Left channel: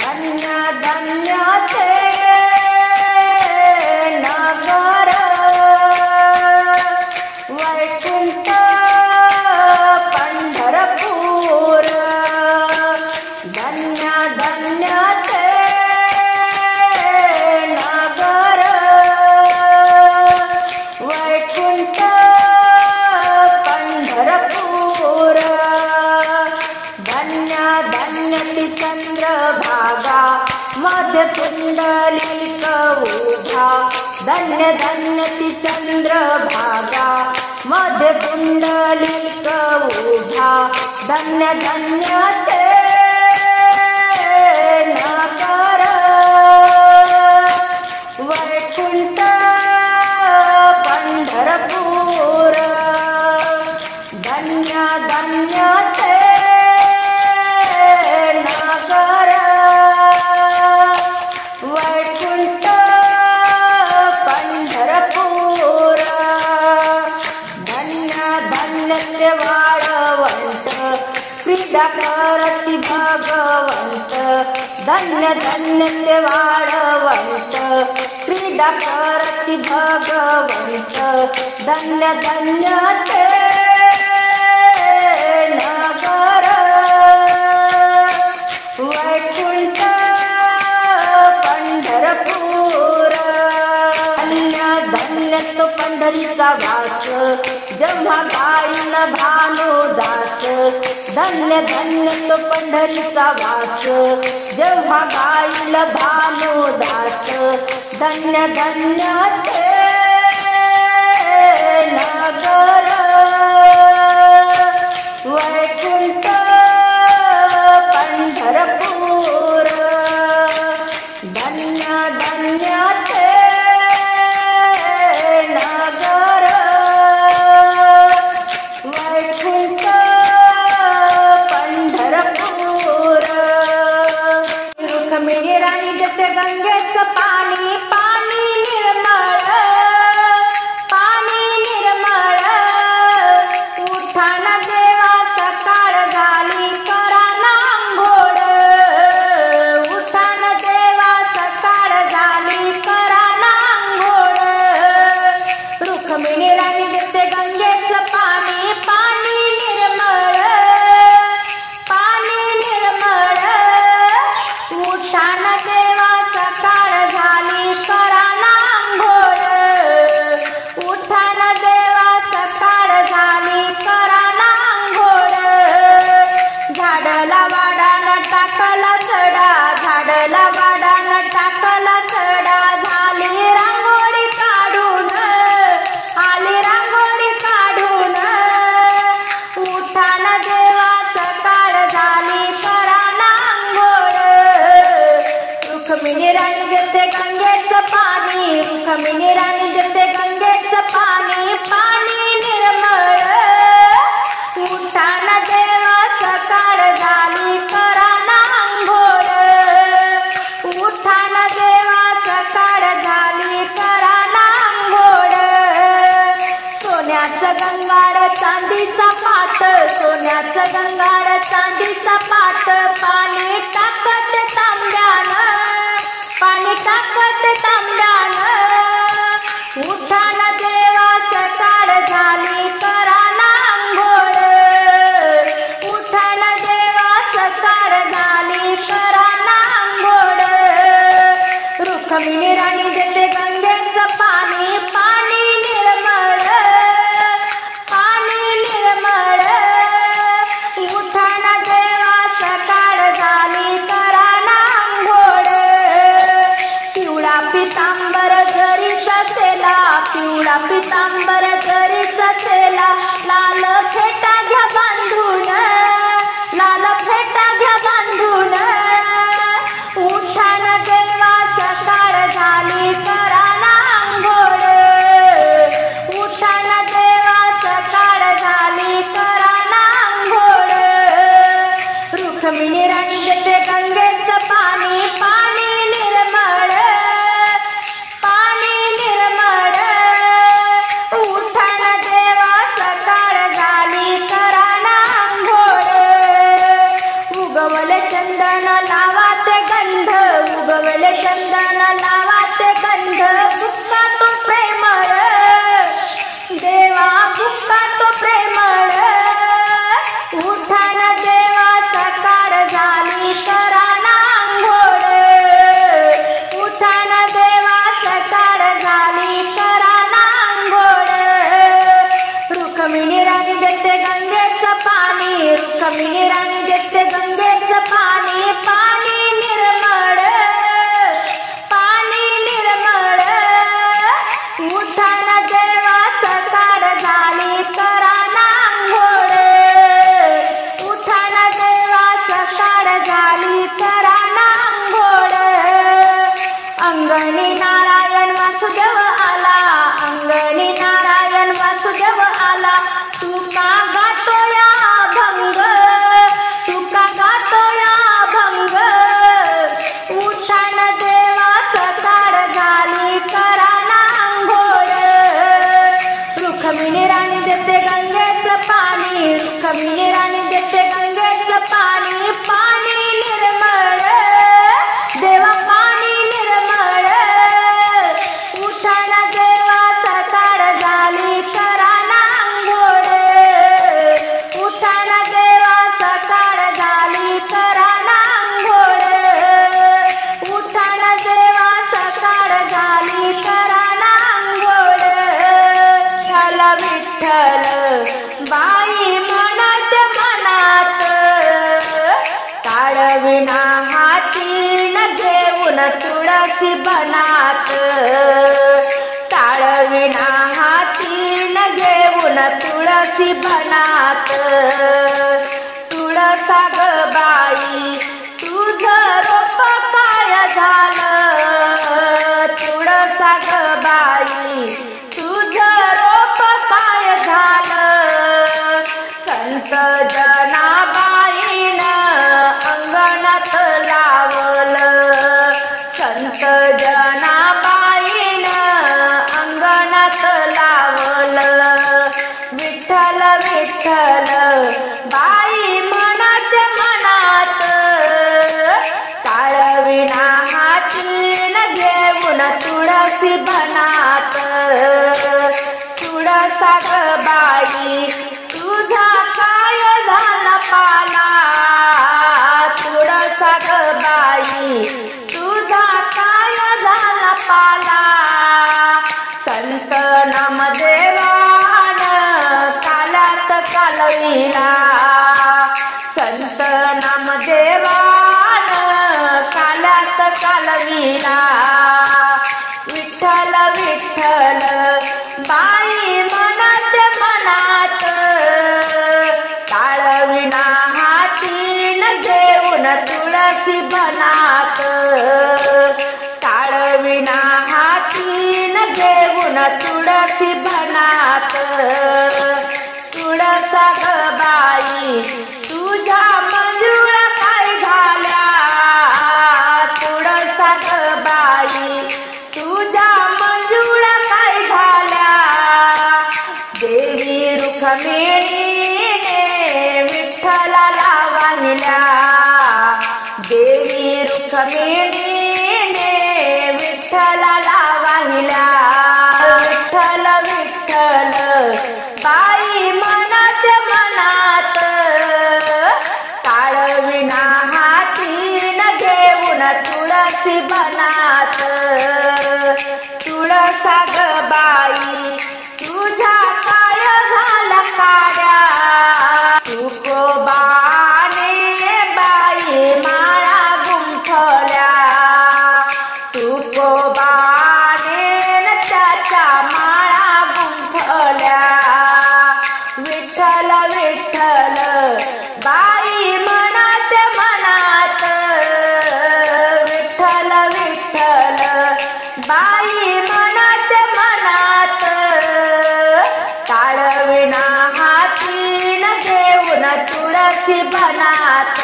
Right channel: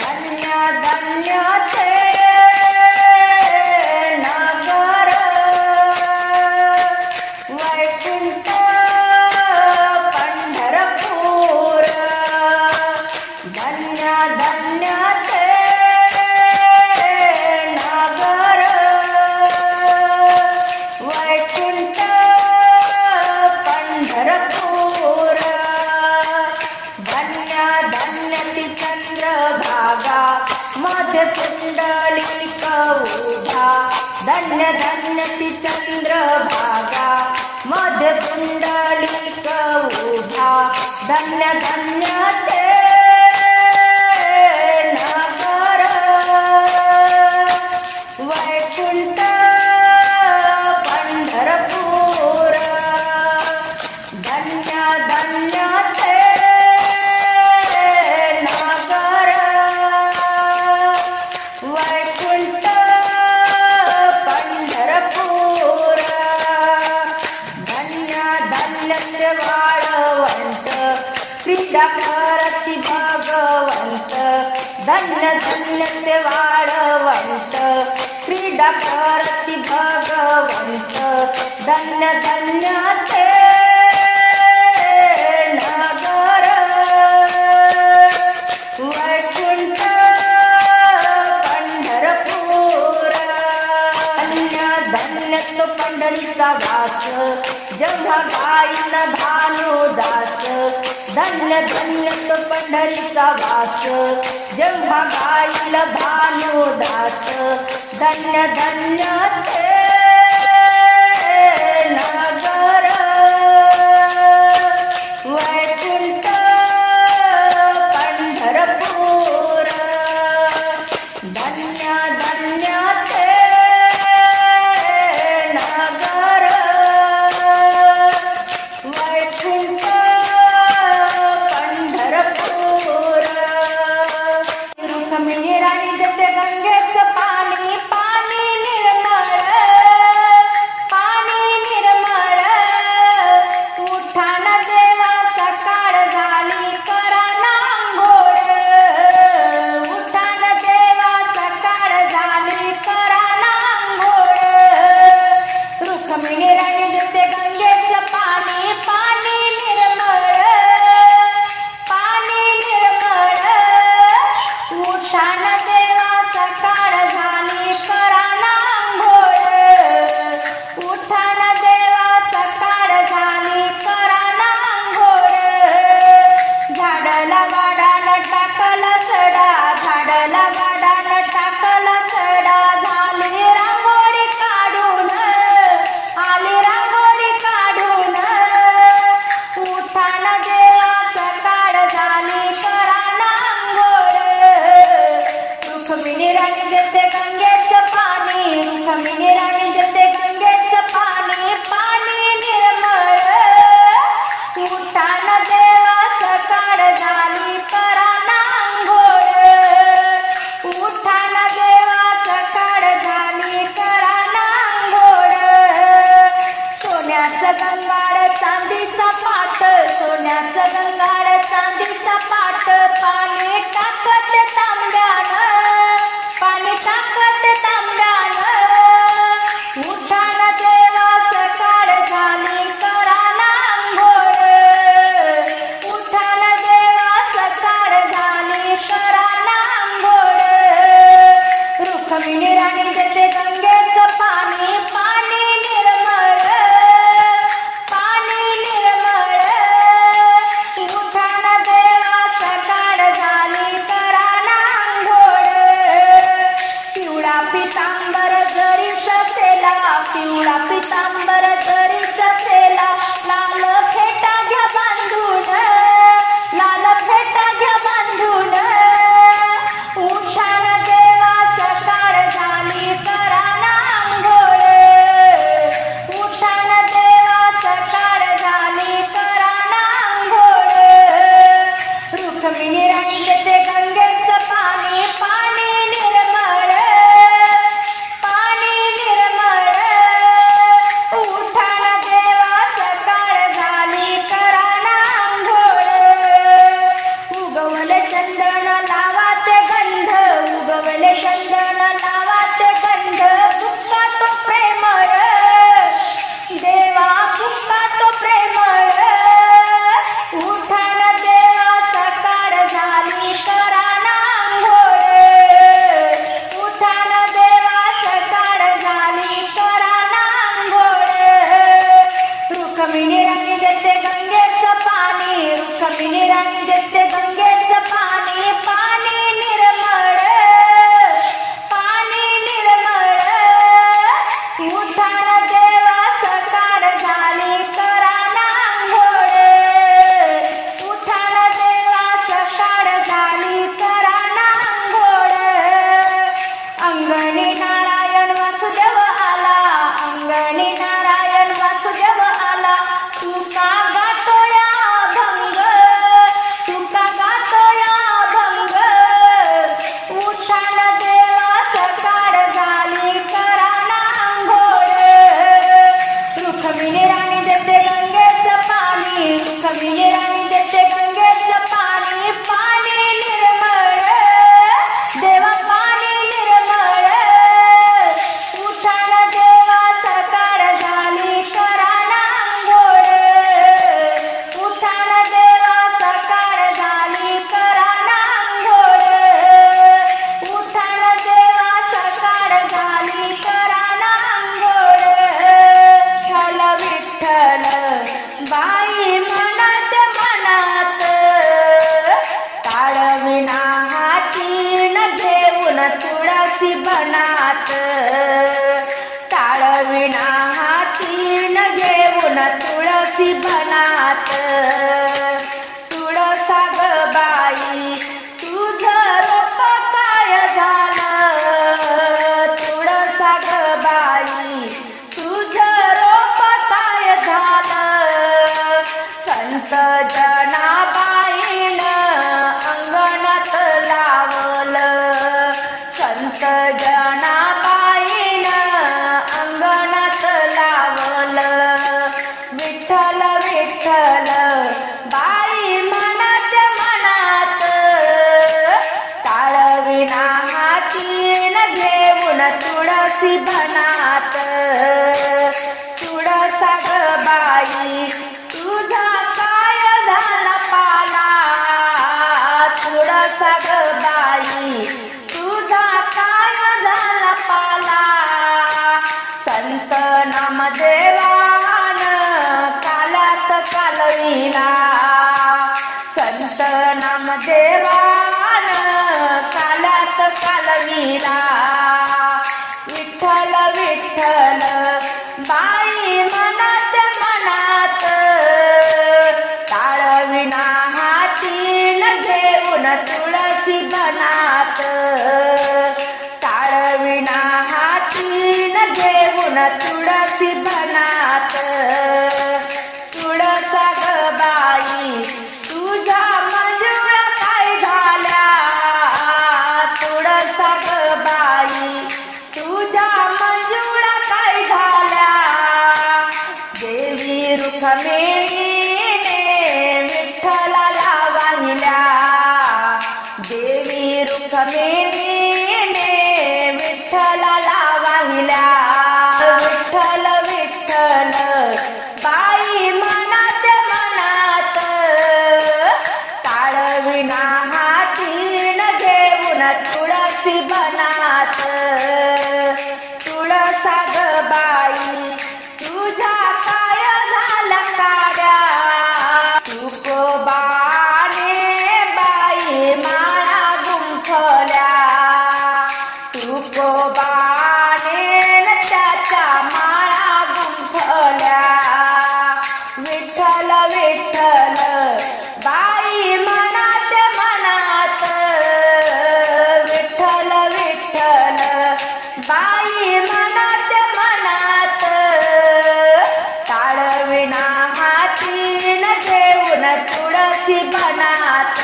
धन्य धन्य ते नगर वैकुंठ पंढरपूर धन्य धन्य ते नगर वैकुंठ पंढरपूर धन्य धन्य ती चंद्रभागा मध्य पुंडलिक उभा धन्य धन्य ती चंद्रभागा मध्य पुंडलिक उभा धन्य धन्य ते नगर वैकुंठ पंढरपूर धन्य धन्य ते नगर वैकुंठ पंढरपूर धन्य धन्य ते वाळवंट क्रीडा करती भगवंत धन्य धन्य ते वाळवंट क्रीडा करती भगवंत धन्य धन्य ते नगर वैकुंठ पंढरपूर धन्य धन्य तो पंढरीचा वास जेव्हा गायन भानुदास धन्य धन्य तो पंढरीचा वास जेव्हा गायन भानुदास धन्य धन्य ते नगर वैकुंठ पंढरपूर धन्य धन्य ते नगर वैकुंठ पंढरपूर रुक्मिणी राणी देते गंगेचं पाणी पाणी निर्मळ उठाण देवा सकाळ झाली करा नांघोळ उठाण देवा सकाळ झाली करा नांघोळ रुक्मिणी राणी देते गंगेचं पाणी पाणी निर्मळ उठाण देवा सकाळ झाली करा नांघोळ उठाण देवा सकाळ झाली करा नांघोळ झाडला वाडाला टाकला सडा झाडला वाडाला टाकला सडा झाली रांगोळी काढून आली रांगोळी काढून उठाण देवा सकाळ झाली करा नांघोळ रुक्मिणी राणी देते गंगेचं पाणी रुक्मिणी राणी देते गंगेचं पाणी पाणी निर्मळ उठाण देवा सकाळ झाली करा नांघोळ उठाण देवा सकाळ झाली करा नांघोळ सोन्याचं गंगाळ चांदीचा पाट सोन्याचं गंगाळ चांदीचा पाट पाणी टाकत तांब्यानं पाणी टाकत तांब्यानं उठाण देवा सकाळ झाली करा नांघोळ उठाण देवा सकाळ झाली करा नांघोळ रुक्मिणी राणी देते गंगेचं पाणी पाणी निर्मळ उठाण देवा सकाळ झाली करा नांघोळ पिवळा पितांबर जरी ससेला पिवळा पितांबर जरी ससेला लाल फेटा घ्या बांधून लाल फेटा घ्या बांधून उठाण देवा सकाळ झाली करा नांघोळ उठाण देवा सकाळ झाली करा नांघोळ रुक्मिणी राणी देते गंगेचं पाणी पाणी निर्मळ उठाण तुळशी बनात टाळविना हातीन घेऊन तुळशी बनात तुळसा ग बाई तुझं रोप काय झालं तुळसा ग बाई तुझं रोप काय झालं संत जनाबाईनं अंगणात लावलं संत जनाबाईनं अंगणात लावलं विठ्ठल विठ्ठल बाई म्हणत मनात टाळविना हातीन घेऊन तुळशी बनात तुळसा ग बाई तुझा काय झाला पाला तुळसा ग बाई तुझा काय झाला पाला संत नामदेवान कालात कालविला संत नामदेवान कालात कालविला विठ्ठल विठ्ठल बाई म्हणत मनात टाळविना हातीन घेऊन तुळशी बनात टाळविना हातीन घेऊन तुळशी बनात तुळसा ग बाई तुझ्या मंजुळा काय झाल्या तुळसा ग बाई तुझ्या मंजुळा काय झाल्या देवी रुक्मिणीने विठ्ठलाला वाहिल्या देवी रुक्मिणीने विठ्ठलाला वाहिल्या विठ्ठल विठ्ठल बाई म्हणत मनात टाळविना हातीन घेऊन तुळशी बनात तुळसा ग बाई तुझ्या काय झाला काड्या तुकोबाने बाई माळा गुंफल्या तुकोबाने त्याच्या माळा गुंफल्या विठ्ठल विठ्ठल बाई म्हणत मनात विठ्ठल विठ्ठल बाई म्हणत मनात टाळविना हातीन घेऊन तुळशी बनात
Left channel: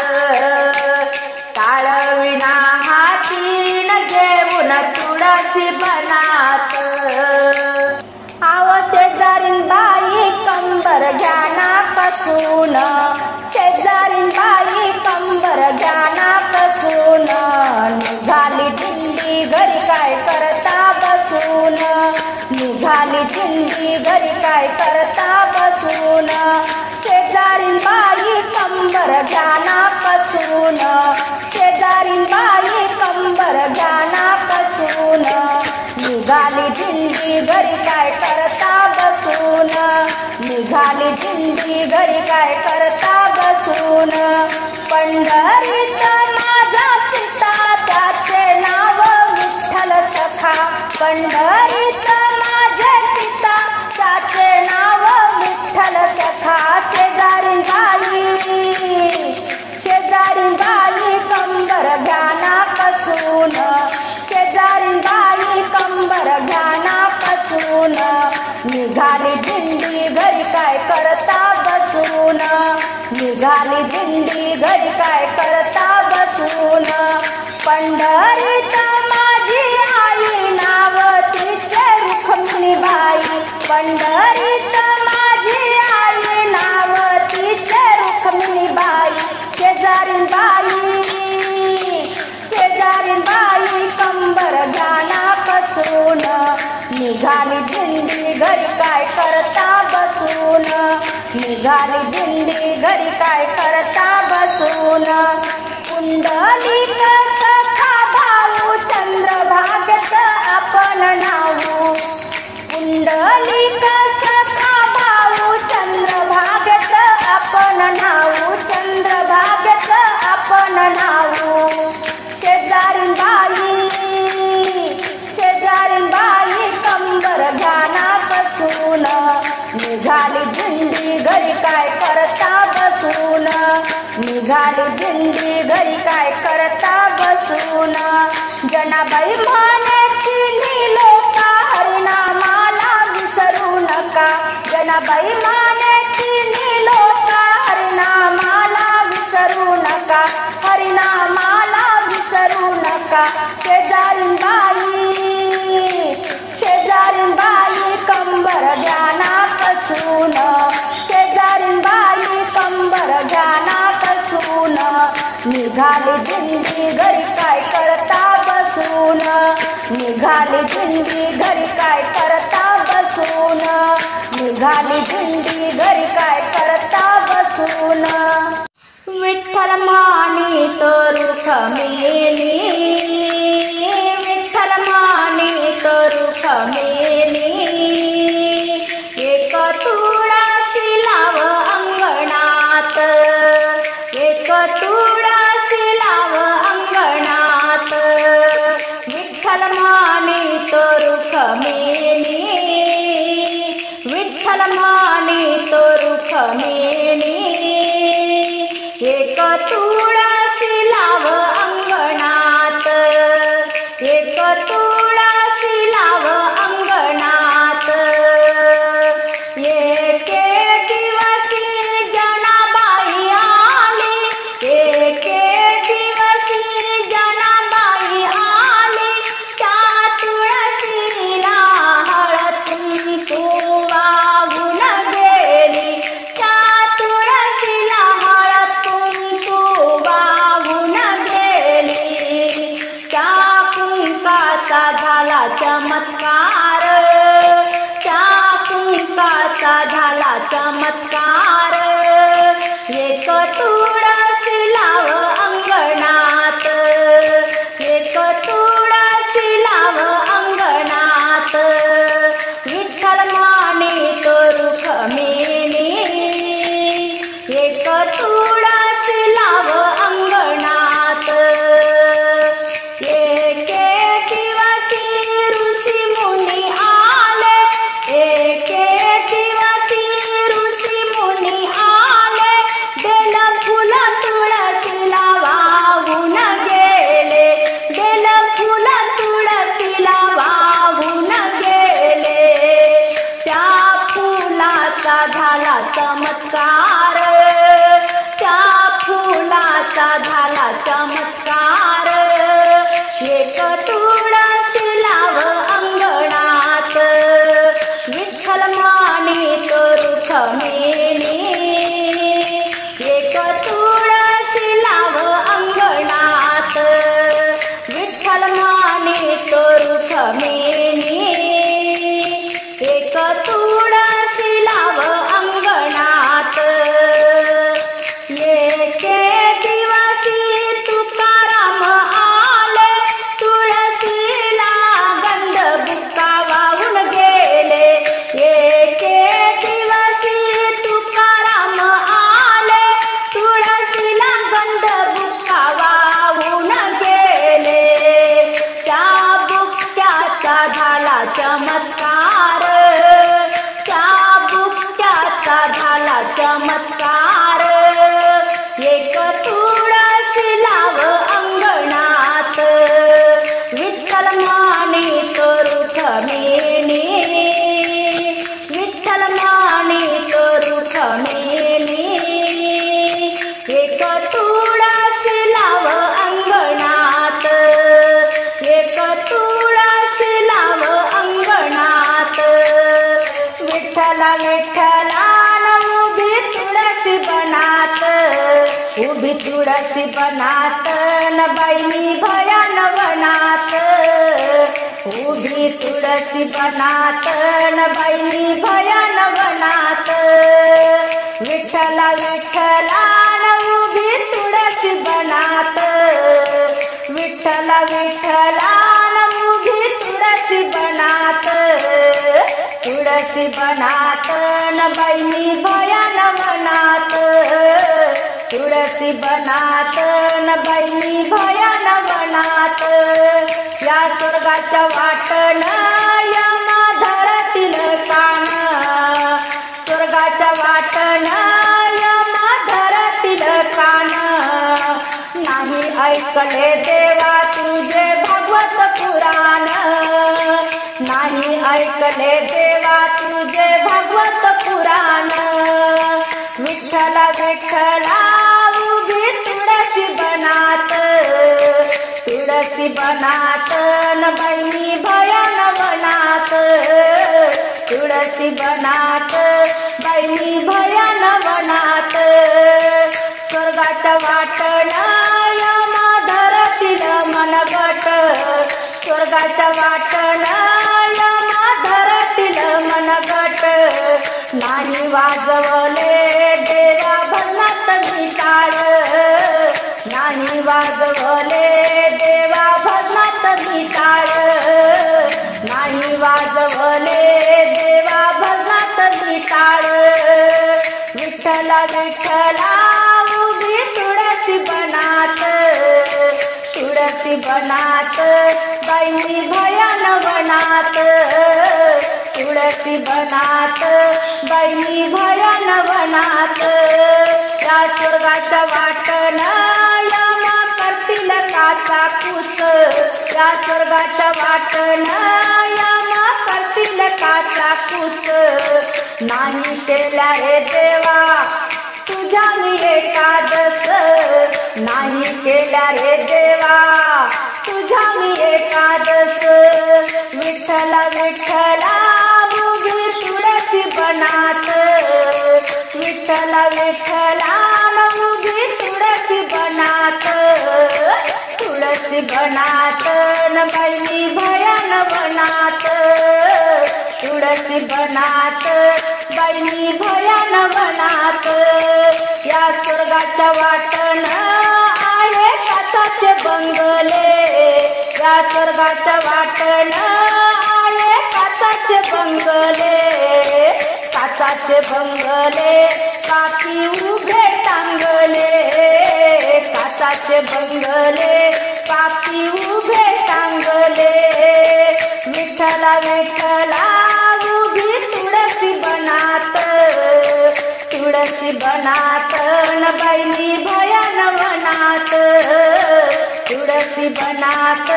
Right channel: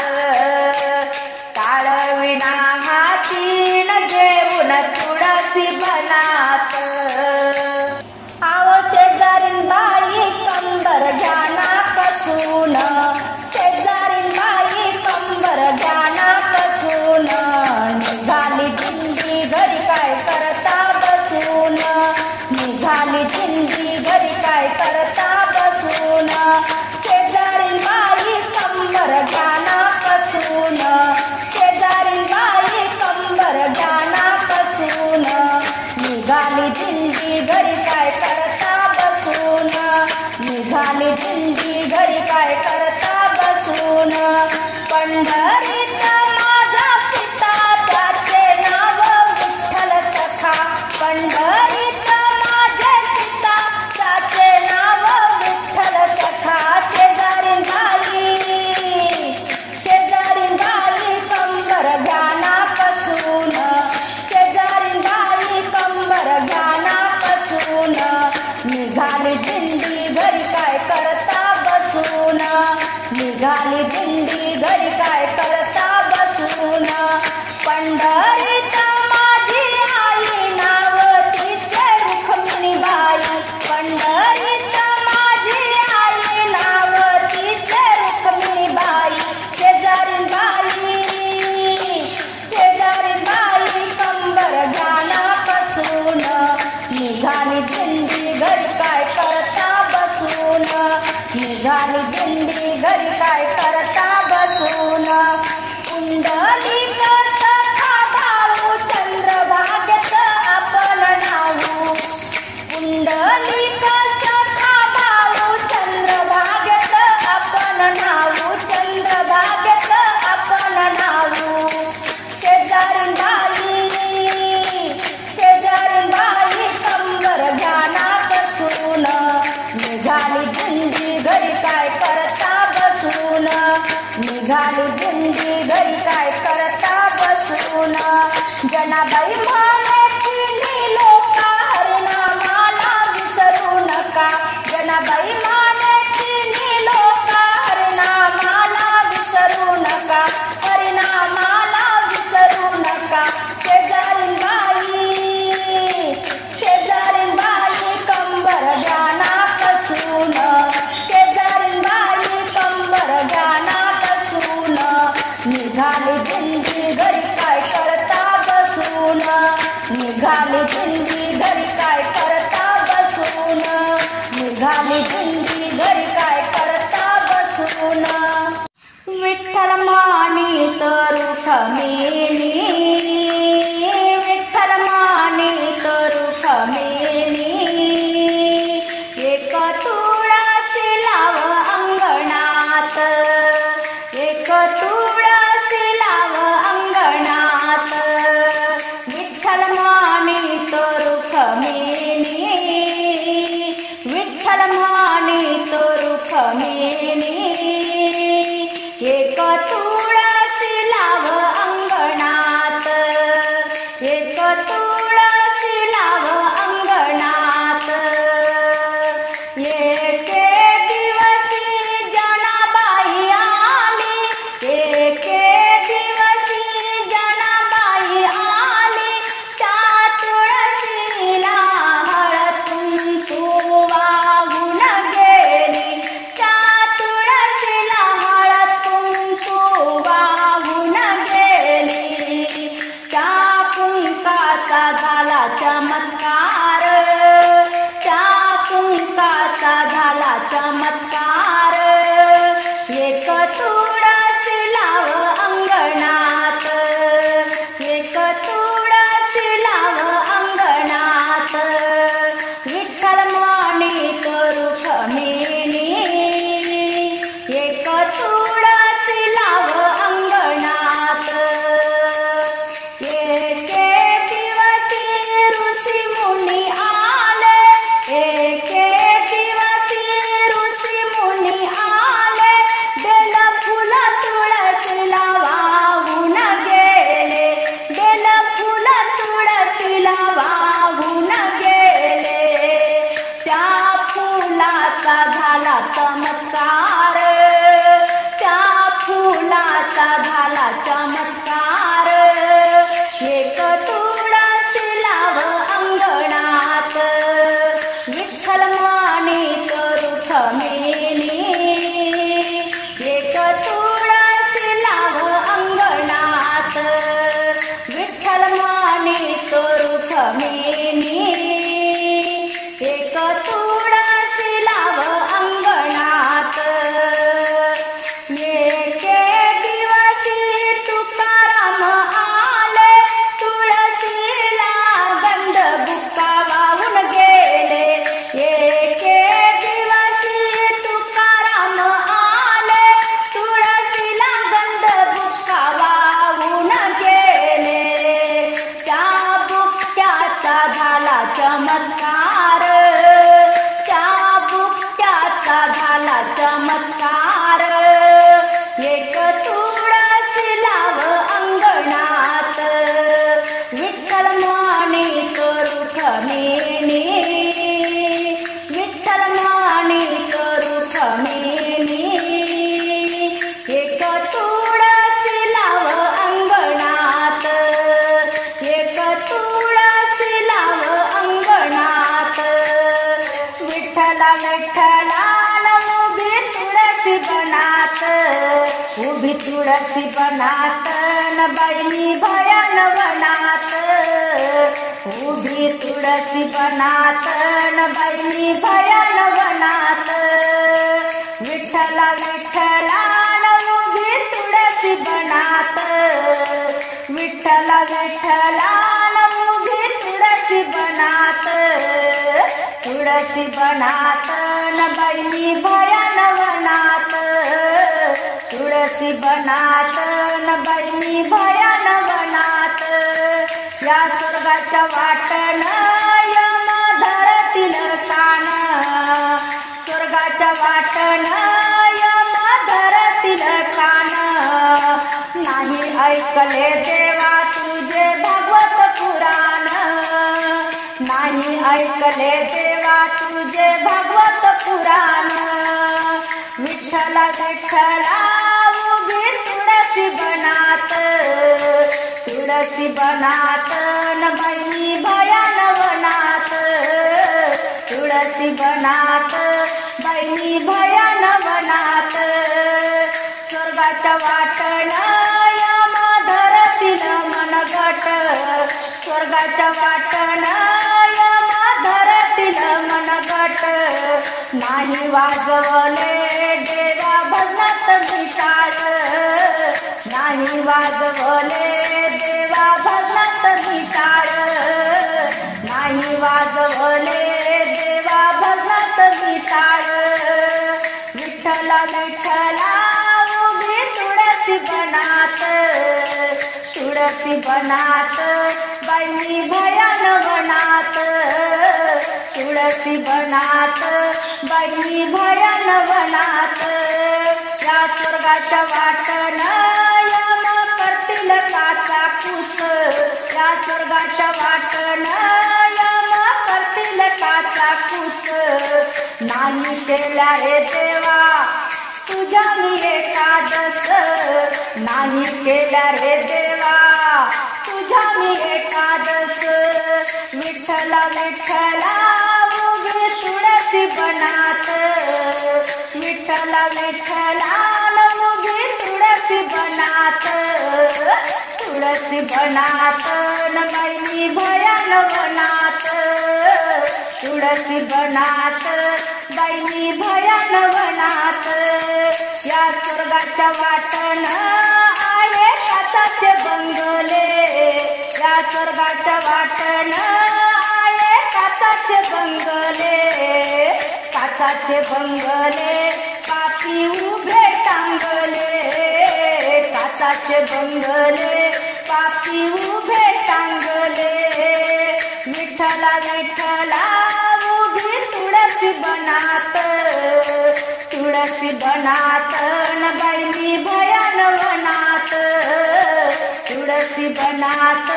टाळविना हातीन घेऊन तुळशी बनात आव शेजारीन बाई कंबर ज्ञानापासून शेजारीन बाई कंबर ज्ञानापासून निघाली दिंडी घरी काय करता बसून निघाली दिंडी घरी काय करता बसून शेजारीन बाई कंबर ज्ञानापासून शेजारीन बाई कंबर ज्ञानापासून निघाली दिंडी घरी काय करता बसून निघाली दिंडी घरी काय करता बसून पंढरीत माझा पिता त्याचे नाव विठ्ठल सखा पंढरीत माझे पिता त्याचे नाव विठ्ठल सखा शेजारीन बाई कंबर ज्ञानापासून शेजारीन बाई कंबर ज्ञानापासून निघाली दिंडी घरी काय करता बसून निघाली दिंडी घरी काय करता बसून पंढरीत माझी आई नाव तिचे रुक्मिणीबाई पंढरीत माझी आई नाव तिचे रुक्मिणीबाई शेजारीन बाई कंबर ज्ञानापासून निघाली दिंडी घरी काय करता बसून निघाली दिंडी घरी काय करता बसून पुंडलिक सखा भाऊ चंद्रभागेत आपण नाऊ पुंडलिक सखा भाऊ चंद्रभागेत आपण नाऊ चंद्रभागेत आपण नाऊ शेजारीन बाई विसरून जनाबाई म्हणायची लोका हरिनामाला विसरू नका जनाबाई म्हणायची लोका हरिनामाला विसरू नका हरिनामाला विसरू नका शेजारीन बाई कंबर ज्ञाना कसून शेजारीन बाई कंबर ज्ञाना कसून निघाली दिंडी घरी काय करता बसून निघाली दिंडी घरी काय करता बसून निघाली दिंडी घरी काय करता बसून विठ्ठल मानी तरुख मेनी विठ्ठल मानी तरुख मेनी एक तुळसी लाव अंगणात एक तुळसी लाव अंगणात विठ्ठल मानी तरुख मेनी विठ्ठल मानी तरुख मेनी एक तुळसी लाव अंगणात एक तुळसी लाव अंगणात एके दिवसी जनाबाई आली एके दिवसी जनाबाई आली त्या तुळसीला हळद कुंकू वाहून गेली त्या तुळसीला हळद कुंकू वाहून गेली त्या कुंकाचा झाला चमत्कार त्या कुंकाचा झाला चमत्कार एक तुळसी लाव अंगणात एक तुळसी लाव अंगणात विठ्ठल मानी तरुख मेनी एक तुळसी लाव अंगणात एके दिवसी ऋषी मुनी आले एके दिवसी ऋषी मुनी आले बेल फुल तुळसीला वाहून गेले बेल फुल तुळसीला वाहून गेले त्या फुलाचा झाला चमत्कार त्या फुलाचा झाला चमत्कार एक तुळसी लाव अंगणात विठ्ठल मानी तरुख मेनी एक तुळसी लाव अंगणात विठ्ठल मानी तरुख मेनी एक तुळसी लाव अंगणात एके दिवसी तुकाराम आले तुळसीला गंध बुक्का वाहून गेले एके दिवसी तुकाराम आले तुळसीला गंध बुक्का वाहून गेले त्या बुक्क्याचा झाला चमत्कार त्या बुक्क्याचा झाला चमत्कार एक तुळसी लाव अंगणात विठ्ठल मानी तरुख मेनी विठ्ठल मानी तरुख मेनी एक तुळसी लाव अंगणात एक तुळसी लाव अंगणात विठ्ठला विठ्ठला उभी तुळसी बनात उभी तुळसी बनात न बाई भयान वनात उभी तुळसी बनात न बाई भयान वनात विठ्ठला विठ्ठला उभी तुळसी बनात विठ्ठला विठ्ठला उभी तुळसी बनात तुळसी बनात न बाई भयान वनात तुळसी बनात न बाई भयान वनात या स्वर्गाच्या वाटन यम धरतीन कान स्वर्गाच्या वाटन यम धरतीन कान नाही ऐकले देवा तुझ विठ्ठला उभी तुळशी बनात, तुळशी बनात न बाई भयान वनात, तुळशी बनात बाई भयान वनात. स्वर्गाच्या वाटण यमा धरतील मनगट, स्वर्गाच्या वाटण यमा धरतील मनगट. नाही वाजवले देवा भजनात मिटाळ, नाही वाजवले देवा भजनात मिटाळ, नाही वाजवले देवा भजनात मिटाळ. विठ्ठला विठ्ठला उभी तुळशी बनात, तुळशी बनात बाई भयान वनात, तुळशी बनात बाई भयान वनात. या स्वर्गाच्या वाटण यमा करतील काचा कुस, या स्वर्गाच्या वाटण यमा करतील काचा कुस. नाही केल्या हे देवा तुझ्या मी एकादश, नाही केल्या रे देवा तुझ्या मी एकादश. विठ्ठला विठ्ठला उभी तुळशी बनात, विठ्ठला विठ्ठला उभी तुळशी बनात, तुळशी बनात न बाई भयान वनात, तुळशी बनात बाई भयान वनात. या स्वर्गाच्या वाटण आहे काचाचे बंगले, या स्वर्गाच्या वाटण आहे काचाचे बंगले, काचाचे बंगले पापी उभे टांगले, काचाचे बंगले पापी उभे टांगले. विठ्ठला विठ्ठला उभी तुळशी बनात, तुळशी बनात न बाई भयान वनात, तुळशी बनात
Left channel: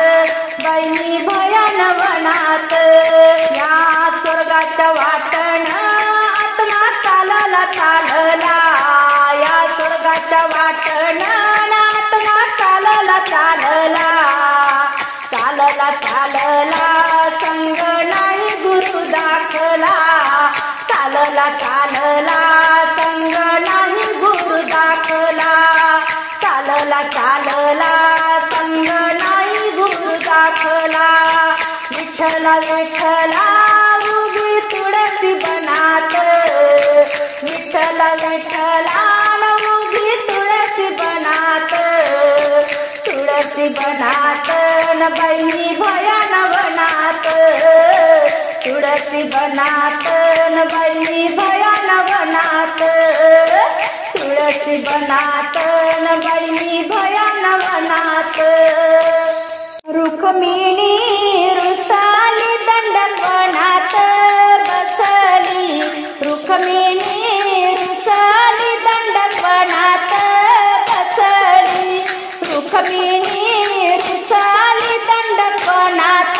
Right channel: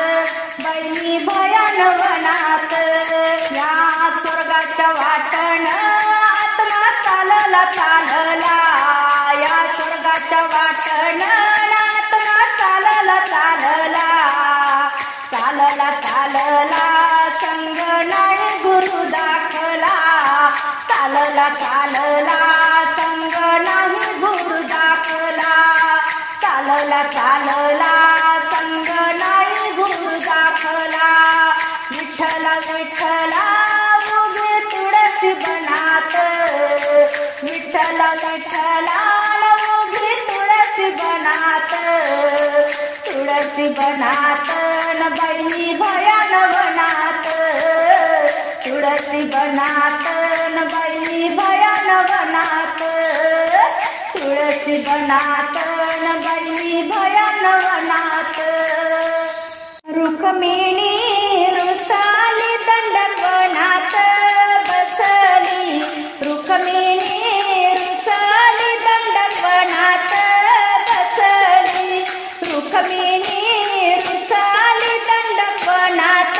बाई भयान वनात. या स्वर्गाच्या वाटण आत्मा चालला चालला, या स्वर्गाच्या वाटण आत्मा चालला चालला, चालला चालला संग नाही गुरु दाखला, चालला चालला संग नाही गुरु दाखला, चालला चालला संग नाही गुरु दाखला. विठ्ठला विठ्ठला उभी तुळशी बनात, विठ्ठला विठ्ठला उभी तुळशी बनात, तुळशी बनात न बाई भयान वनात, तुळशी बनात न बाई भयान वनात, तुळशी बनात न बाई भयान वनात. रुक्मिणी रुसाली दंडकवनात बसली, रुक्मिणी रुसाली दंडकवनात बसली, रुक्मिणी रुसाली दंडकवनात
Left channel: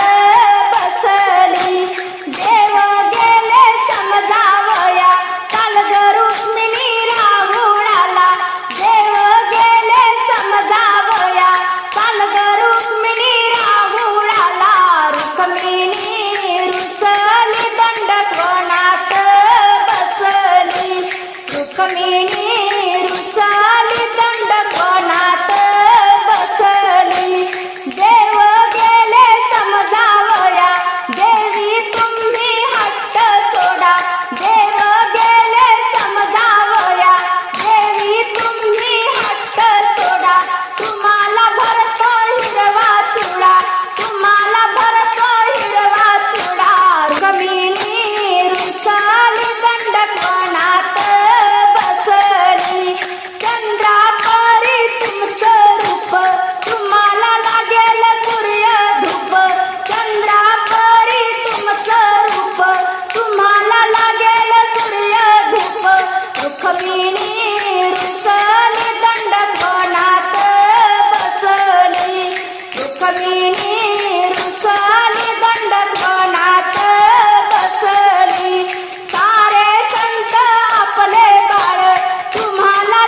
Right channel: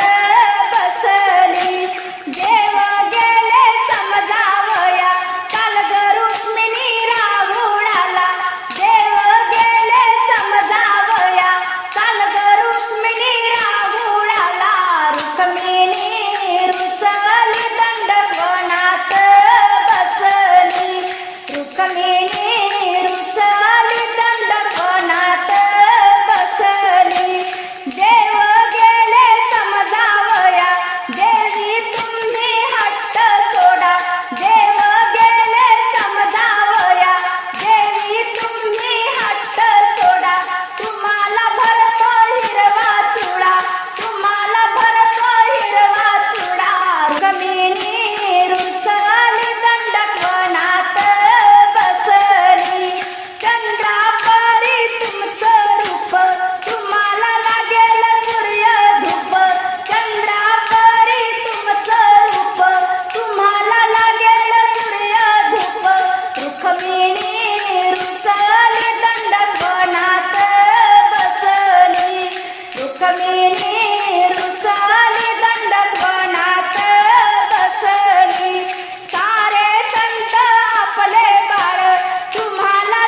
बसली. देव गेले समजावया काल ग रुक्मिणी राहुळाला, देव गेले समजावया काल ग रुक्मिणी राहुळाला. रुक्मिणी रुसली दंडकवनात बसली, रुक्मिणी रुसली दंडकवनात बसली. देव गेले समजावया देवी तुम्ही हट्ट सोडा, देव गेले समजावया देवी तुम्ही हट्ट सोडा. तुम्हाला भरतो हिरवा चुडा, तुम्हाला भरतो हिरवा चुडा. रुक्मिणी रुसाली दंडकवनात बसली. चंद्रापरी तुमचं रूप तुम्हाला लागेल सूर्य धूप, चंद्रापरी तुमचं रूप तुम्हाला लागेल सूर्य धूप. रुक्मिणी रुसली दंडकवनात बसली, रुक्मिणी रुसली दंडकवनात बसली. सारे संत आपले बाळ तुम्हाला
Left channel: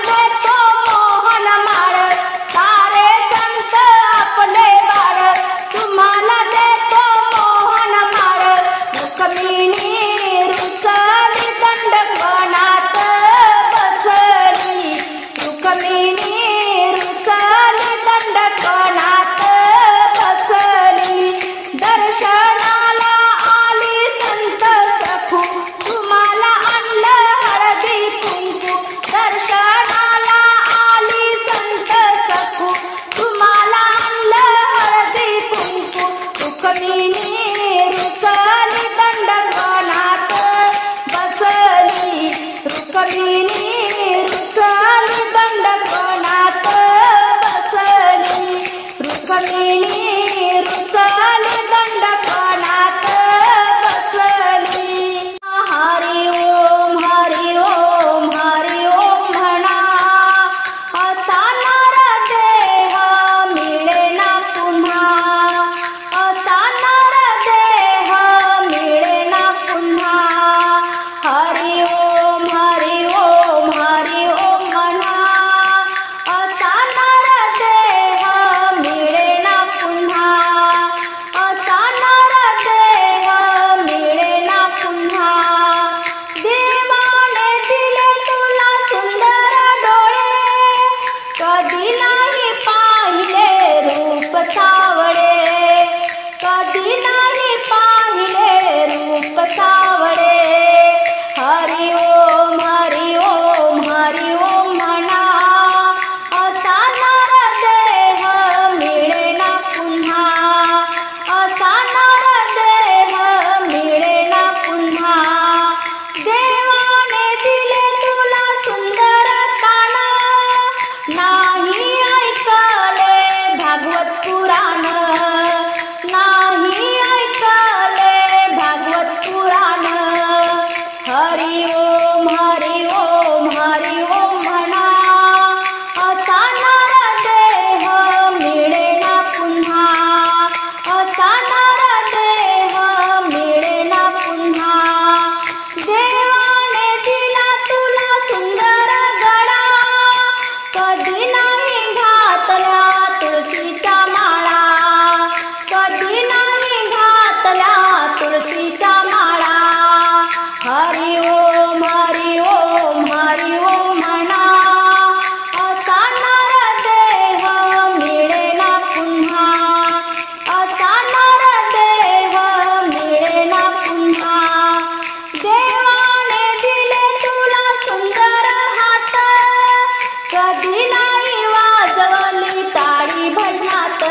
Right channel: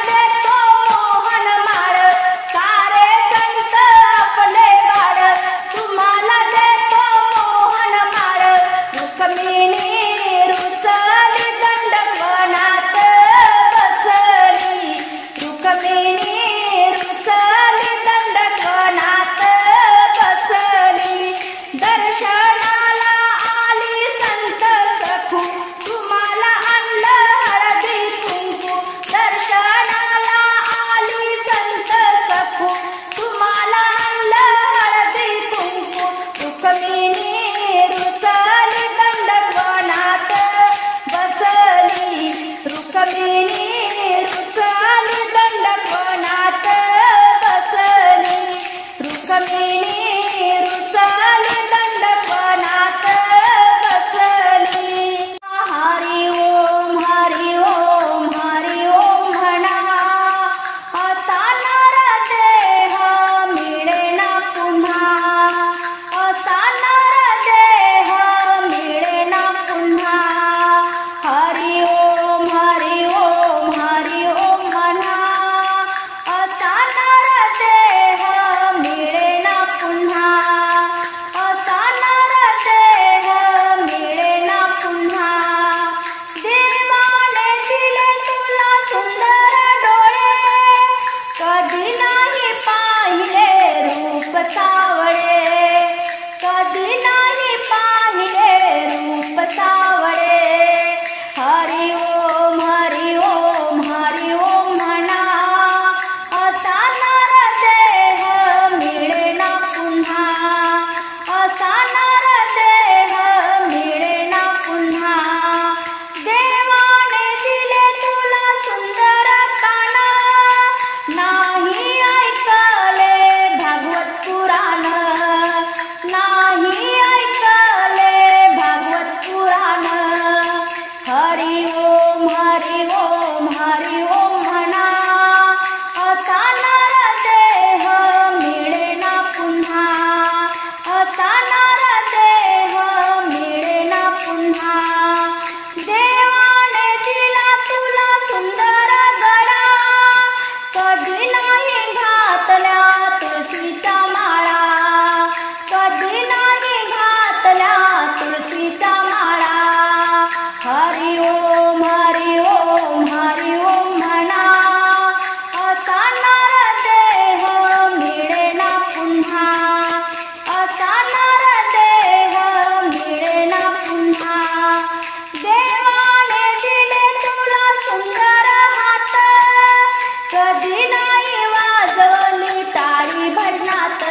रुक्मिणी रुसली दंडवनात बसली रुक्मिणी रुसली दंडवनात बसली रुक्मिणी रुसली दंडवनात बसली हरि ओम हरि ओम हरि ओम म्हणा असा नरदेह मिळे ना पुन्हा असा नरदेह मिळे ना पुन्हा हरि ओम हरि ओम हरि ओम म्हणा असा नरदेह मिळे ना पुन्हा असा नरदेह मिळे ना पुन्हा देवाने दिले तुला सुंदर डोळे कधी नाही पाहिले रूप सावळे कधी नाही पाहिले रूप सावळे हरि ओम हरि ओम हरि ओम म्हणा असा नरदेह मिळे ना पुन्हा असा नरदेह मिळे ना पुन्हा देवाने दिले तुला सुंदर काना नाही ऐकले भागवत पुराण नाही ऐकले भागवत पुराण हरि ओम हरि ओम हरि ओम म्हणा असा नरदेह मिळे ना पुन्हा असा नरदेह मिळे ना पुन्हा देवाने दिला तुला सुंदर गडा कधी नाही घातल्या तुळशीच्या माळा कधी नाही घातल्या तुळशीच्या माळा हरि ओम हरि ओम हरि ओम म्हणा असा नरदेह मिळे ना पुन्हा असा नरदेह मिळे ना पुन्हा देवाने दिले तुला सुंदर हात कधी नाही वाजवली टाळी भजनात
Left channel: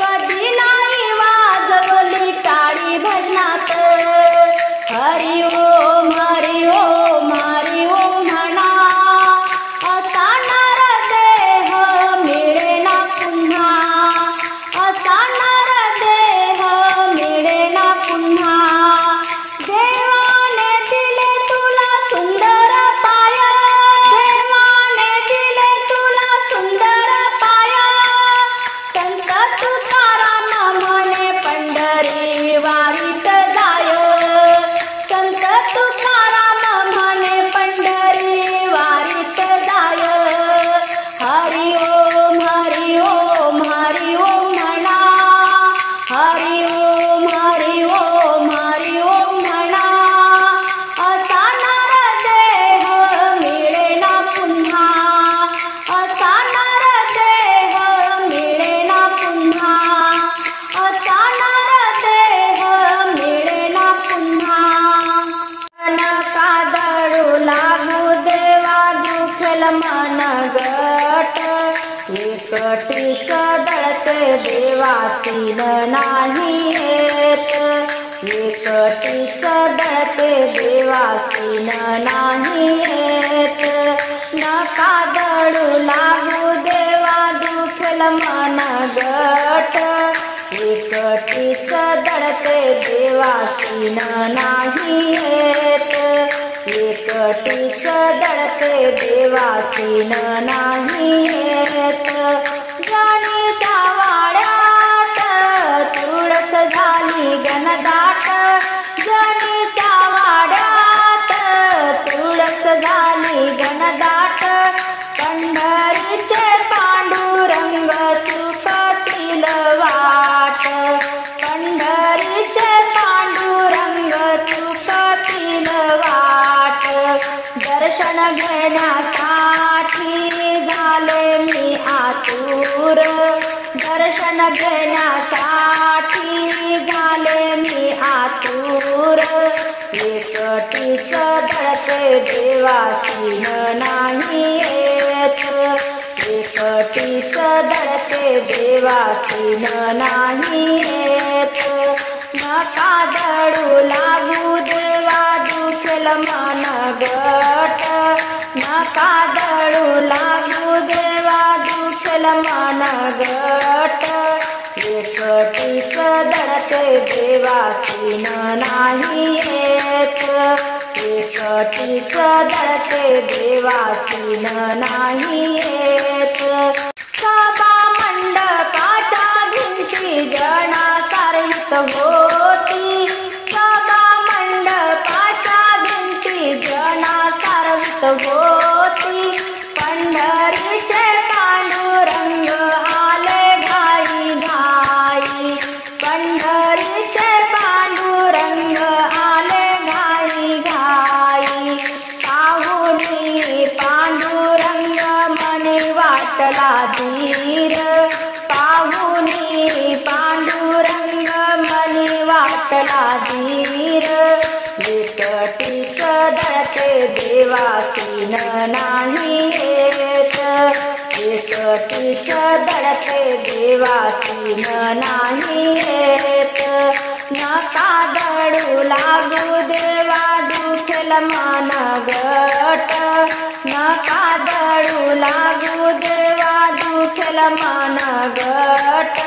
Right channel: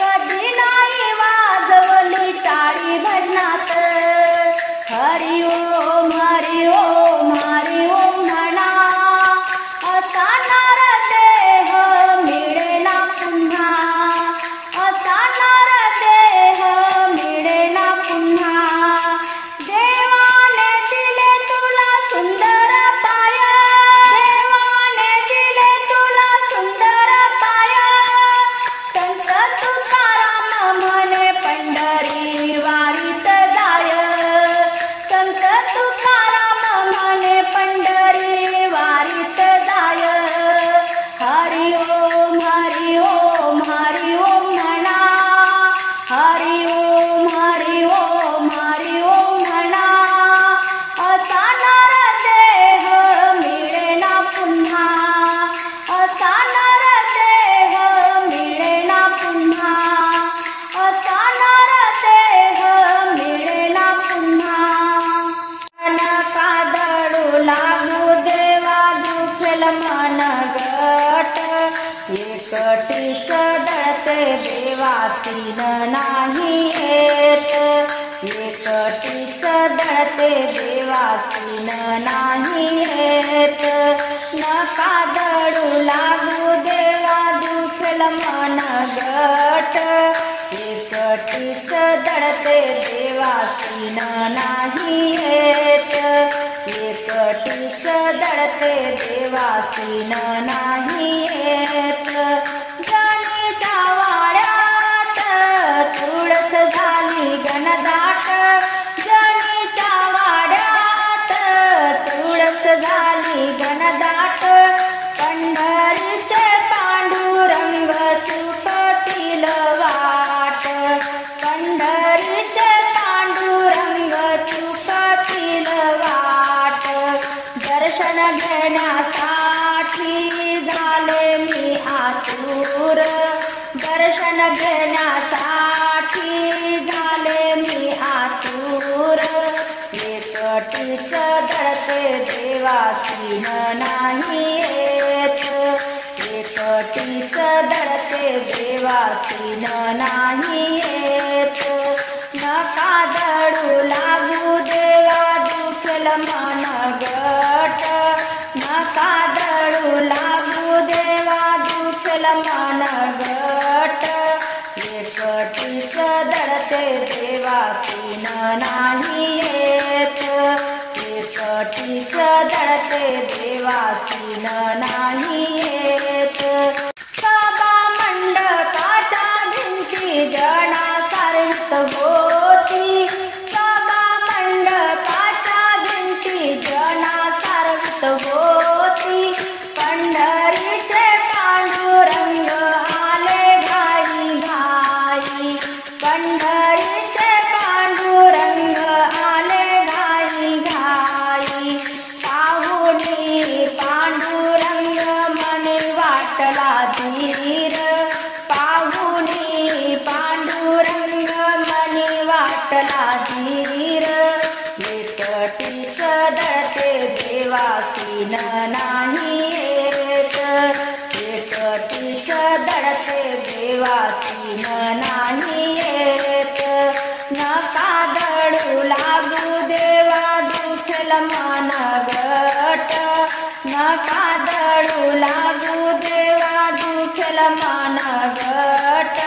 कधी नाही वाजवली टाळी भजनात हरि ओम हरि ओम हरि ओम म्हणा असा नरदेह मिळे ना पुन्हा असा नरदेह मिळे ना पुन्हा देवाने दिले तुला सुंदर पाय देवाने दिले तुला सुंदर पाय संत तुकाराम म्हणे पंढरी वारीत जाय संत तुकाराम म्हणे पंढरी वारीत जाय हरि ओम हरि ओम हरि ओम म्हणा हरि ओम हरि ओम हरि ओम म्हणा असा नरदेह मिळे ना पुन्हा असा नरदेह मिळे ना पुन्हा असा नरदेह मिळे ना पुन्हा नका दळू लागू देवा दुखेल मन गट एकटीच दळते देवासीन नाही येत एकटीच दळते देवासीन नाही येत नका दळू लागू देवा दुखेल मन गट एकटीच दळते देवासीन नाही येत एकटीच दळते देवासीन नाही येत जाणीच्या वाड्यात तुळस झाली गणदाट जाणीच्या वाड्यात तुळस झाली गणदाट पंढरीचे पांडुरंग चुकतील वाट पंढरीचे पांडुरंग चुकतील वाट दर्शन घेण्यासाठी झाले मी आतुर दर्शन घेण्यासाठी झाले मी आतुर एकटीच दळते देवासीन नाही येत एकटीच दळते देवासीन नाही येत नका दळू लागू देवा दुखेल मन गट नका दळू लागू देवा दुखेल मन गट एकटीच दळते देवासीन नाही येत एकटीच दळते देवासीन नाही येत सभा मंडपाच्या भिंती जणा सारवित होती सभा मंडपाच्या भिंती जणा सारवित होती पंढरीचे पांडुरंग आले घाई घाई पंढरीचे पांडुरंग आले घाई घाई पाहुनी पांडुरंग मनी वाटला धीर पाहुनी पांडुरंग मनी वाटला धीर एकटीच दळते देवासीन नाही येत एकटीच दळते देवासीन नाही येत नका दळू लागू देवा दुखेल मन गट नका दळू लागू देवा दुखेल मन गट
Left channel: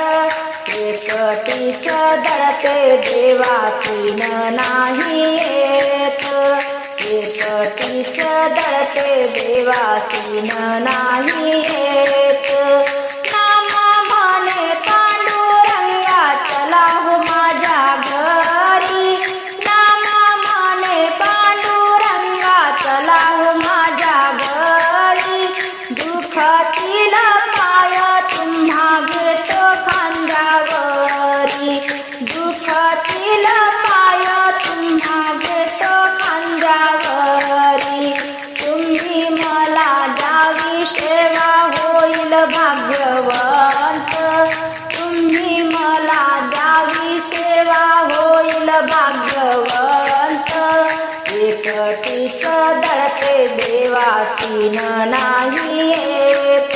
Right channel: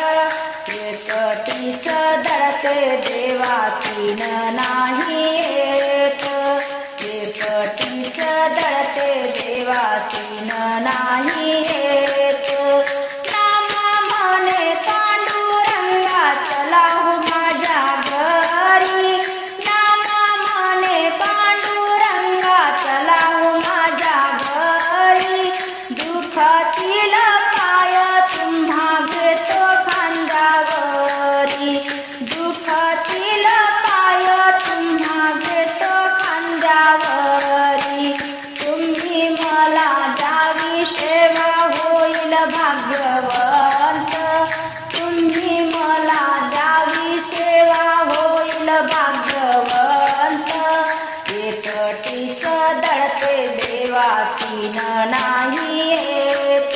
एकटीच दळते देवासीन नाही येत एकटीच दळते देवासीन नाही येत नाम माने पांडुरंगा चला हो माझ्या घरी नाम माने पांडुरंगा चला हो माझ्या घरी दुःखातील पाय तुम्हा घेतो खांद्यावरी दुःखातील पाय तुम्हा घेतो खांद्यावरी तुम्ही मला द्यावी सेवा होईल भाग्यवंत तुम्ही मला द्यावी सेवा होईल भाग्यवंत एकटीच दळते देवासीन नाही येत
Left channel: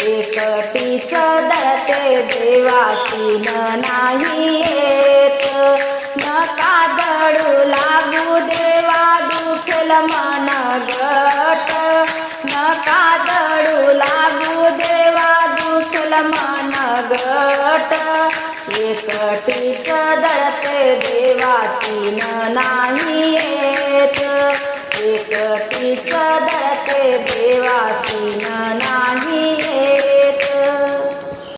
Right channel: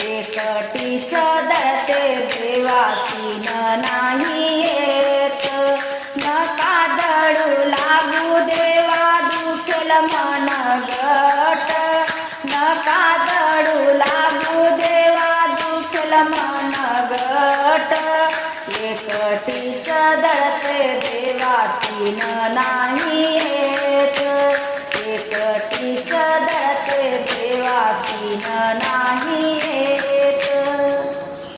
एकटीच दळते देवासीन नाही येत नका दळू लागू देवा दुखेल मन गट नका दळू लागू देवा दुखेल मन गट एकटीच दळते देवासीन नाही